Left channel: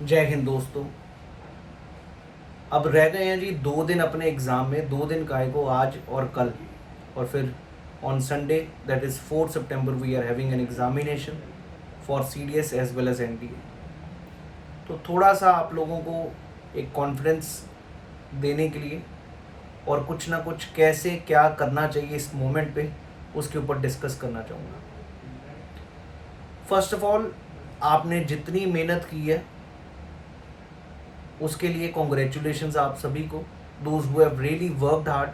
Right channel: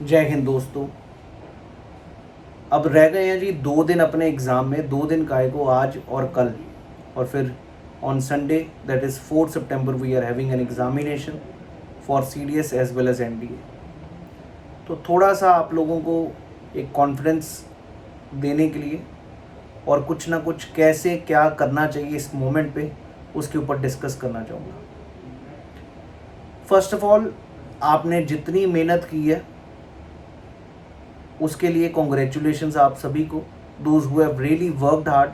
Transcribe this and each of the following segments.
जय हिंद दोस्तों। अब रह गए हैं जी 2 दिन अपने एग्ज़ाम में। 2 दिन काय को, आज और कल, और फिर on Sunday that is 4 September we are having an examination for CDS as well as NDA। तो थोड़ा सा आप लोगों को एक कॉन्फिडेंस देने के लिए और कुछ ना कुछ कैसे क्या करना चाहिए इस मोमेंट पे, उसके ऊपर डिस्कस करना चाहूँगा। फर्स्ट ऑफ ऑल, आपने जितनी मेहनत की है उसके लिए कॉन्ग्रेचुलेशंस आप सभी को, those who have really worked hard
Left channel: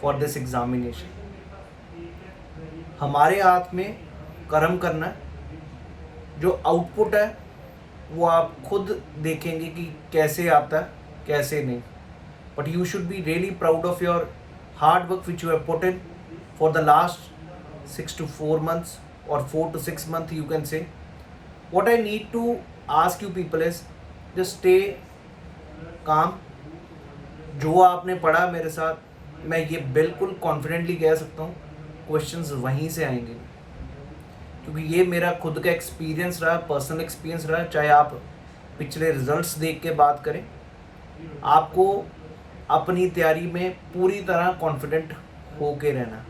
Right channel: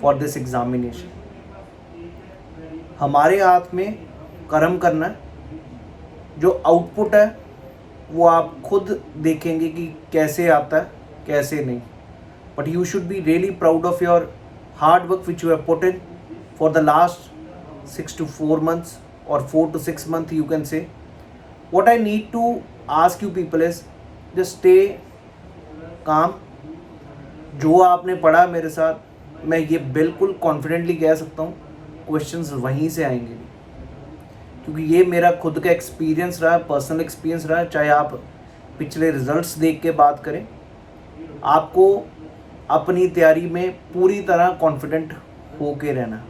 for this examination. हमारे हाथ में कर्म करना है, जो आउटपुट है वो आप खुद देखेंगे कि कैसे आता है कैसे नहीं। But you should be really proud of your hard work which you have put in for the last 6 to 4 months or 4 to 6 months you can say. What I need to ask you people is just stay काम। जो आपने पढ़ा मेरे साथ, मैं ये बिल्कुल confidently कह सकता हूँ क्वेश्चंस वहीं से आएंगे, क्योंकि ये मेरा खुद का एक्सपीरियंस रहा, पर्सनल एक्सपीरियंस रहा। चाहे आप पिछले रिजल्ट्स देख के बात करें, आपको अपनी तैयारी में पूरी तरह कॉन्फिडेंट होके रहना।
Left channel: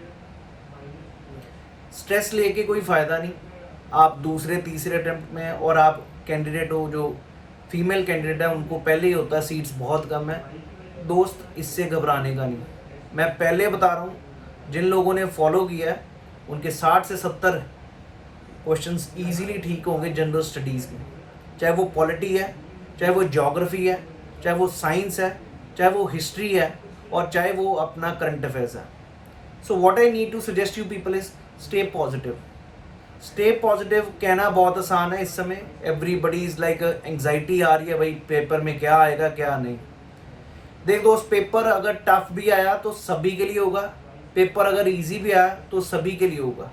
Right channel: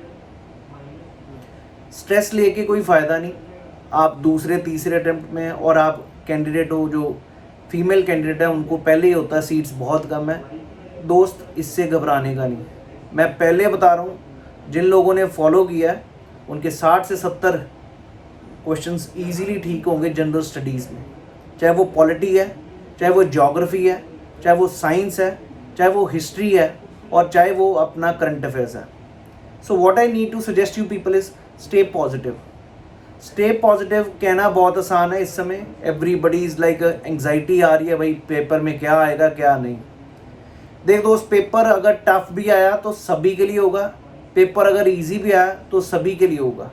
स्ट्रेस लेके कोई फ़ायदा नहीं। आप दूसरे तीसरे अटेम्प्ट में, और आप कैंडिडेट हो, जो फीमेल कैंडिडेट है उनको पहले ही होता है सीट्स बहुत कम है। दोस्त, इससे घबराने का नहीं। मैं पहले बता रहा हूँ, जिन लोगों ने फॉलो किया है उनके 60 से 70 क्वेश्चंस इजीली ठीक होंगे जनरल स्टडीज़ में। चाहे वो पॉलिटी है, चाहे वो ज्योग्राफी है, चाहे वो साइंस है, चाहे वो हिस्ट्री है, और चाहे वो अपना करंट अफेयर्स है। So what I need to suggest you people is stay positive. Stay positive कहना बहुत आसान है इस समय। एवरीबडी इज़ लाइक एंग्जाइटी आ रही है, भाई पेपर में क्या आएगा क्या नहीं। देख दोस्त, पेपर अगर टफ भी आया तो सभी के लिए होगा, पेपर अगर इजी भी आया तो सभी के लिए होगा।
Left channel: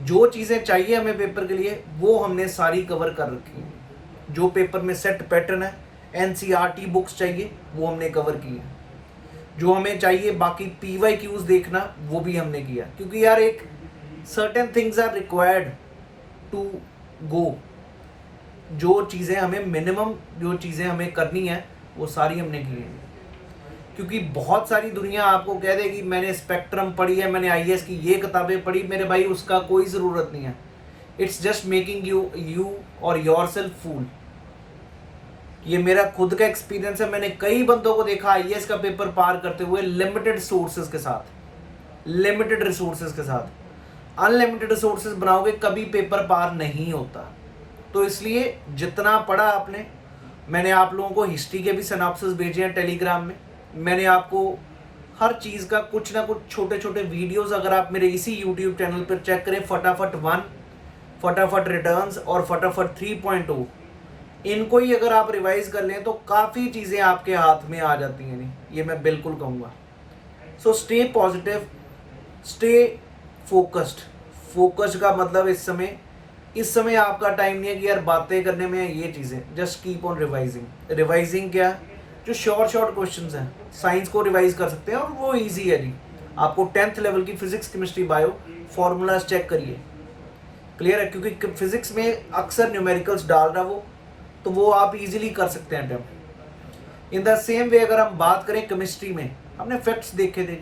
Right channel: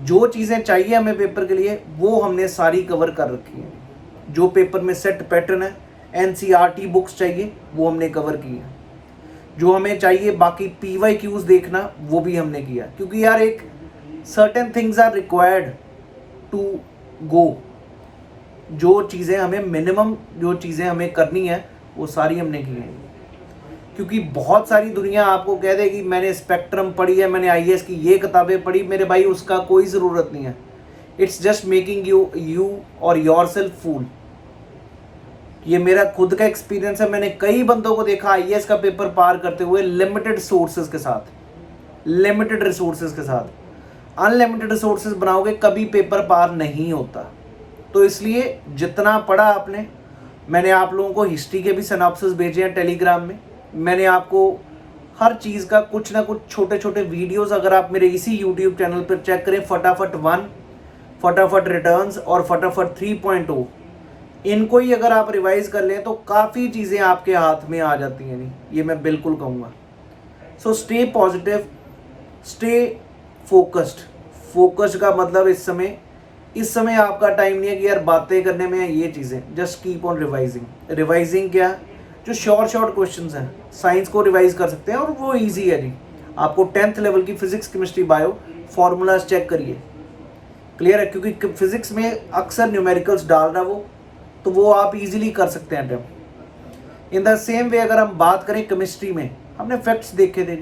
जो चीज़ें चाहिए हमें पेपर के लिए वो हमने सारी कवर कर रखी हैं। जो पेपर में सेट पैटर्न है, NCERT बुक्स चाहिए वो हमने कवर की है। जो हमें चाहिए बाकी PYQs देखना वो भी हमने किया, क्योंकि यार एक certain things are required to go. जो चीज़ें हमें मिनिमम, जो चीज़ें हमें करनी है वो सारी हमने की हैं। क्योंकि बहुत सारी दुनिया आपको कह देगी मैंने स्पेक्ट्रम पढ़ी है, मैंने IAS की ये किताबें पढ़ी। मेरे भाई, उसका कोई ज़रूरत नहीं है। इट्स जस्ट मेकिंग यू और योर सेल्फ फूल। ये मेरा खुद का एक्सपीरियंस है। मैंने कई बंदों को देखा IAS का पेपर पार करते हुए लिमिटेड सोर्सेज के साथ, लिमिटेड रिसोर्सेज के साथ। अनलिमिटेड रिसोर्सेज बनाओगे कभी पेपर पार नहीं होता। तो इसलिए जितना पढ़ा आपने, मैंने आप लोगों को हिस्ट्री के भी सिनॉप्सिस भेजे हैं टेलीग्राम में। मैंने आपको हर चीज़ का कुछ ना कुछ छोटे छोटे वीडियोस, अगर आप मेरे इसी यूट्यूब चैनल पर चेक करें, फटाफट 1, फटाफट रिटर्न्स और फटाफट 3.0, इनको ही अगर आप रिवाइज कर लें तो काफ़ी चीज़ें आपके हाथ में आ जाती हैं। नहीं, ये मैं बिल्कुल कहूँगा। So stay positive, stay focused. Focused का मतलब इस समय आपका टाइम नहीं है कि यार बातें करने में ये चीज़ें। Just keep on revising. Revising क्या है? जो शॉर्ट क्वेश्चंस हैं, साइंस को रिवाइज कर सकते हैं और वो इजी है जी। आपको 10th लेवल की physics, chemistry, bio formulas check करिए, क्लियर है। क्योंकि फिजिक्स में अक्सर न्यूमेरिकल्स डाल रहा तो वो आप इजीली कर सकते हैं attempt. In the same way अगर हम बात करें केमिस्ट्री में, हमने फैक्ट्स देखे थे,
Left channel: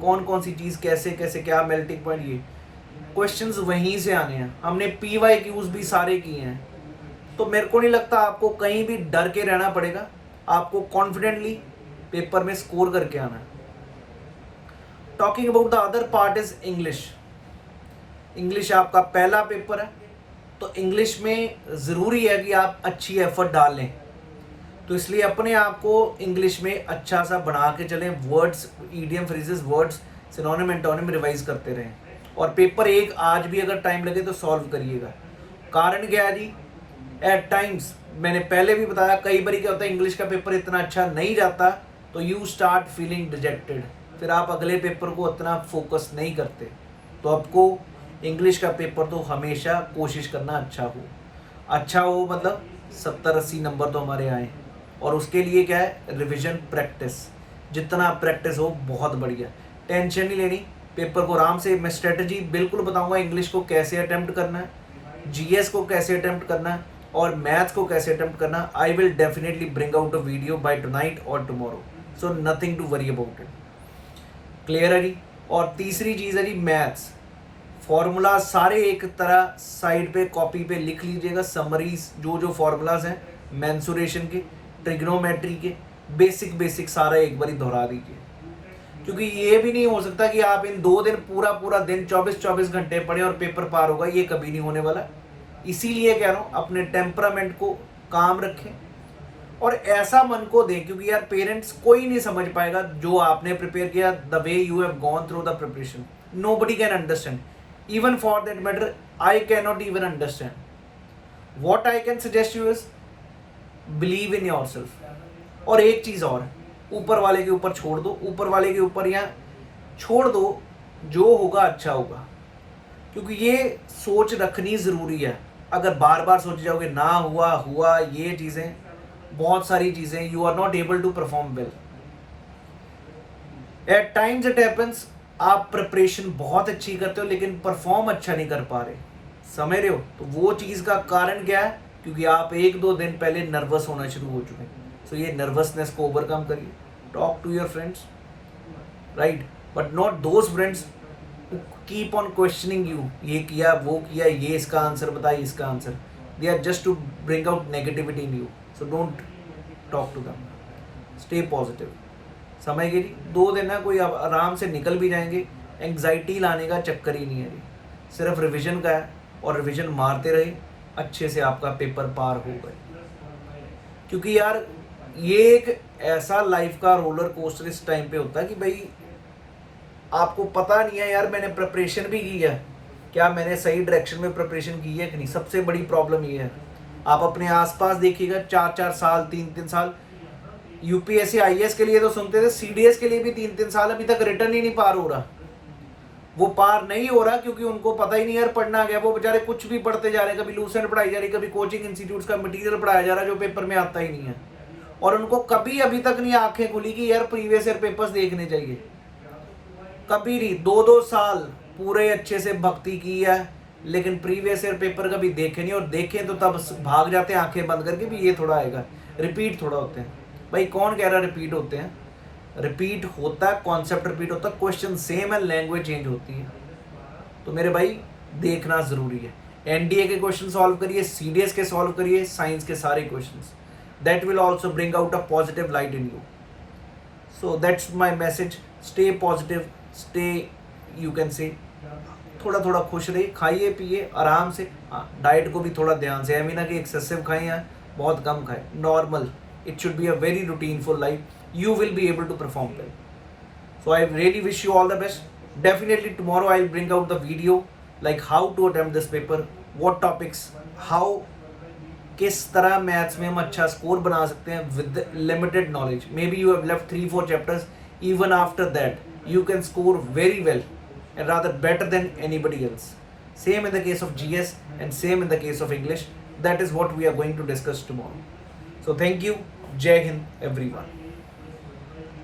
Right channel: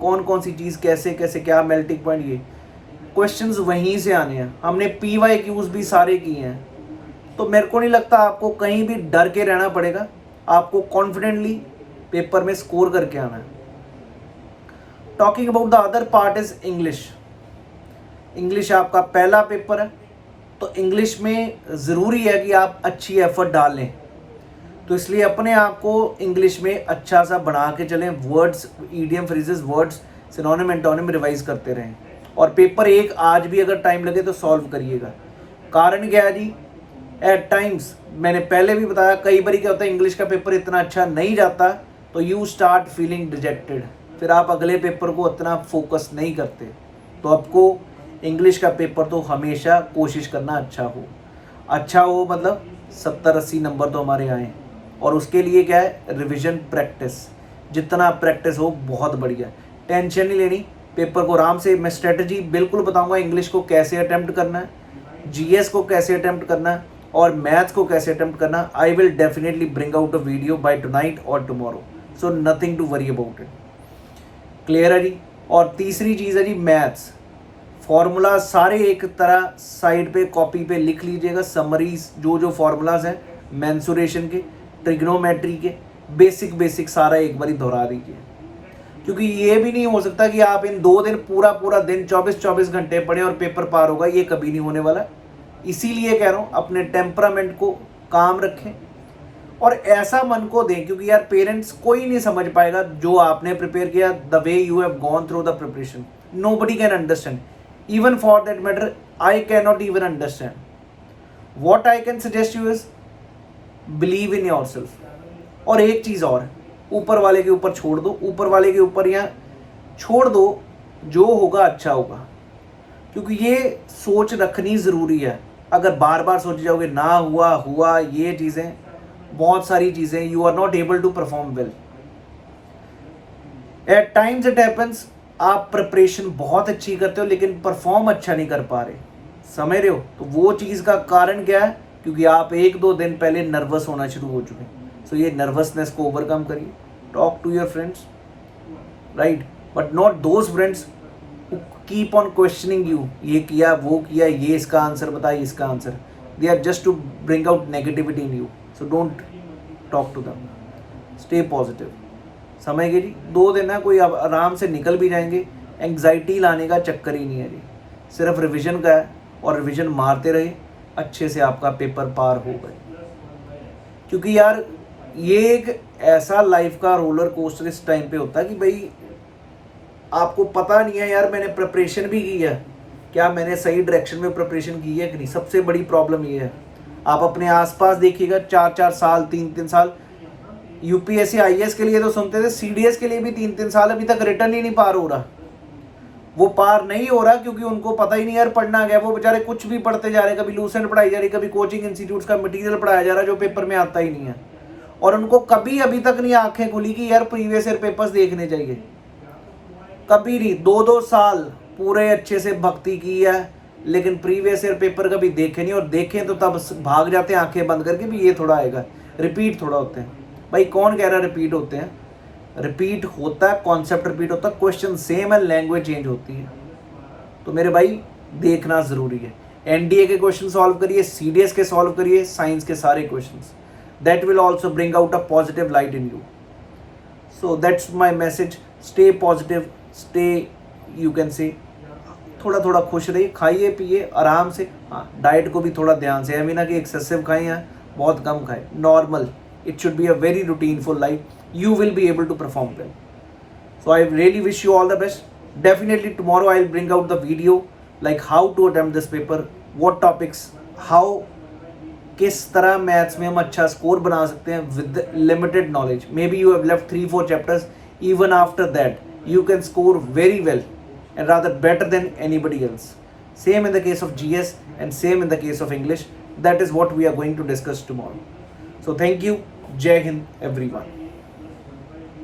कौन कौन सी चीज़ कैसे कैसे क्या मेल्टिंग पॉइंट, ये क्वेश्चंस वहीं से आने हैं। हमने PYQs भी सारे किए हैं। तो मेरे को नहीं लगता आपको कहीं भी डर के रहना पड़ेगा। आपको कॉन्फिडेंटली पेपर में स्कोर करके आना है। Talking about the other part is English. English आपका पहला पेपर है, तो इंग्लिश में ज़रूरी है कि आप अच्छी एफर्ट डाल लें। तो इसलिए अपने आप को इंग्लिश में अच्छा सा बना के चलें। Words, idiom, phrases, words, synonym, antonym revise करते रहें। और पेपर 1 आज भी अगर टाइम लगे तो सॉल्व करिएगा। कारण क्या है जी? एट टाइम्स, मैंने पहले भी बताया, कई बार क्या होता है, इंग्लिश का पेपर इतना अच्छा नहीं जाता तो यू स्टार्ट फीलिंग डिजेक्टेड। फिर आप अगले पेपर को इतना फोकस नहीं करते। तो आपको इंग्लिश का पेपर तो हमेशा कोशिश करना अच्छा हो, मतलब 70-80 नंबर तो हमारे आएँ। और उसके लिए क्या है? Revision, practice. जितना प्रैक्टिस हो बहुत बढ़िया। टेंशन नहीं लेनी, पेपर को आराम से। मैं स्ट्रेटजी बिल्कुल बताऊंगा इंग्लिश को कैसे अटेम्प्ट करना है, GS को कैसे अटेम्प्ट करना है, और मैथ्स को कैसे अटेम्प्ट करना, I will definitely bring out a video by tonight और tomorrow, so nothing to worry about it. Clear है जी। और तीसरी चीज़ है जी मैथ्स, फॉर्मूला सारे एक तरह साइड पे कॉपी पे लिख लीजिएगा, समरीज जो फॉर्मूलाज हैं मेंसुरेशन के, ट्रिग्नोमेट्री के, बेसिक सारा एक बार ही दोहरा दीजिए, क्योंकि ये भी नहीं हो सकता कि आप इन 2 दिन पूरा दिन 24 घंटे पढ़े और पेपर पार होगा, ये कभी नहीं होने वाला। इसीलिए कह रहा हूँ अपने टेम्परामेंट को काम रखें और ऐसा मन को दें, क्योंकि यार पेरेंट्स कोई नहीं समझ पाएगा जो आपने प्रिपेयर किया, the way you have gone through the preparation, nobody can understand, even for that matter I cannot even understand। what I can suggest you is believe in yourself। और एक चीज़ और, ऊपर वाले के ऊपर छोड़ दो, ऊपर वाले के ऊपर या छोड़ दो, जो होगा अच्छा होगा, क्योंकि ये सोच रखनी ज़रूरी है। अगर बार बार सोच जाओगे ना हुआ ये चीज़ें, बहुत सारी चीज़ें, you are not able to perform well. At times it happens, आप प्रिपरेशन बहुत अच्छी करते हो लेकिन परफॉर्म अच्छा नहीं कर पा रहे, समझ रहे हो? तो वो चीज़ का कारण क्या है? क्योंकि आप 1-2 दिन पहले नर्वस होना शुरू हो चुके हैं। सो ये नर्वसनेस को ओवरकम करिए, talk to your friends, right, but not those friends who keep on questioning you, ये किया वो किया, ये इसका आंसर बताइए, इसका answer, they are just to bring out negativity in you. So don't talk to them, stay positive. समय के जी 2 दिन है, कोई आराम से निकल भी जाएंगे, एंग्जाइटी लाने का चक्कर ही नहीं है जी, सिर्फ रिवीजन का है, और रिवीजन मारते रहे, अच्छे से आपका पेपर पार होगा। क्योंकि यार ये एक ऐसा लाइफ का रोलर कोस्टर इस टाइम पे होता है कि भाई आपको पता नहीं है यार मैंने प्रिपरेशन भी की है, क्या मैंने सही डायरेक्शन में प्रिपरेशन की है कि नहीं। सबसे बड़ी प्रॉब्लम ये है, आप अपने आसपास देखिएगा, 4-4 साल 3-3 साल, यूपीएससी आईएएस के लिए तो सुनते थे, सीडीएस के लिए भी 3-3 साल अभी तक रिटर्न ही नहीं पार हो रहा। वो पार नहीं हो रहा क्योंकि उनको पता ही नहीं यार पढ़ना गया, वो बेचारे कुछ भी पढ़ते जा रहे, कभी लूसेंट पढ़ाई जा रही, कभी कोचिंग इंस्टीट्यूट्स का मटेरियल पढ़ाया जा रहा है जो पेपर में आता ही नहीं है, और उनको कभी अभी तक नहीं आंखें खुली कि यार प्रीवियस ईयर पेपर्स देखने चाहिए, कभी नहीं। 2-2 साल पूरे अच्छे से भक्ति की है लेकिन प्रीवियस ईयर पेपर कभी देखे नहीं, और देखें तो तब भाग जाते हैं आंखें बंद करके भी ये थोड़ा आएगा, रिपीट थोड़ा होते हैं। भाई कौन कह रहा है रिपीट होते हैं? रिपीट होता है, कॉन्सेप्ट रिपीट होता है, क्वेश्चन सेम है, लैंग्वेज चेंज होती है। तो मेरे भाई देखना ज़रूरी है, एनडीए के क्वेश्चन सॉल्व करिए, सीडीएस के सॉल्व करिए, साइंस के सारे questions, that will also bring out a positive light in you. So that's my message, stay positive, stay, you can say, थोड़ा थोड़ा खुश रहिए, खाइए पिए आराम से, हाँ डाइट को भी थोड़ा ध्यान से, ऐसा ना कि एक्सेसिव खाएं या बहुत कम खाएं, normal, it should be a very routineful life, you will be able to perform well। So I really wish you all the best। Definitely tomorrow I'll bring out the video like how to attempt this paper, what topics, how, किस तरह maths में हम अच्छा score बना सकते हैं with limited knowledge। Maybe you have left 3-4 chapters, even after that you can score very well and rather better than anybody else। Same in the case of GS and same in the case of English। That is what we are going to discuss tomorrow। So thank you, Jai Hind everyone।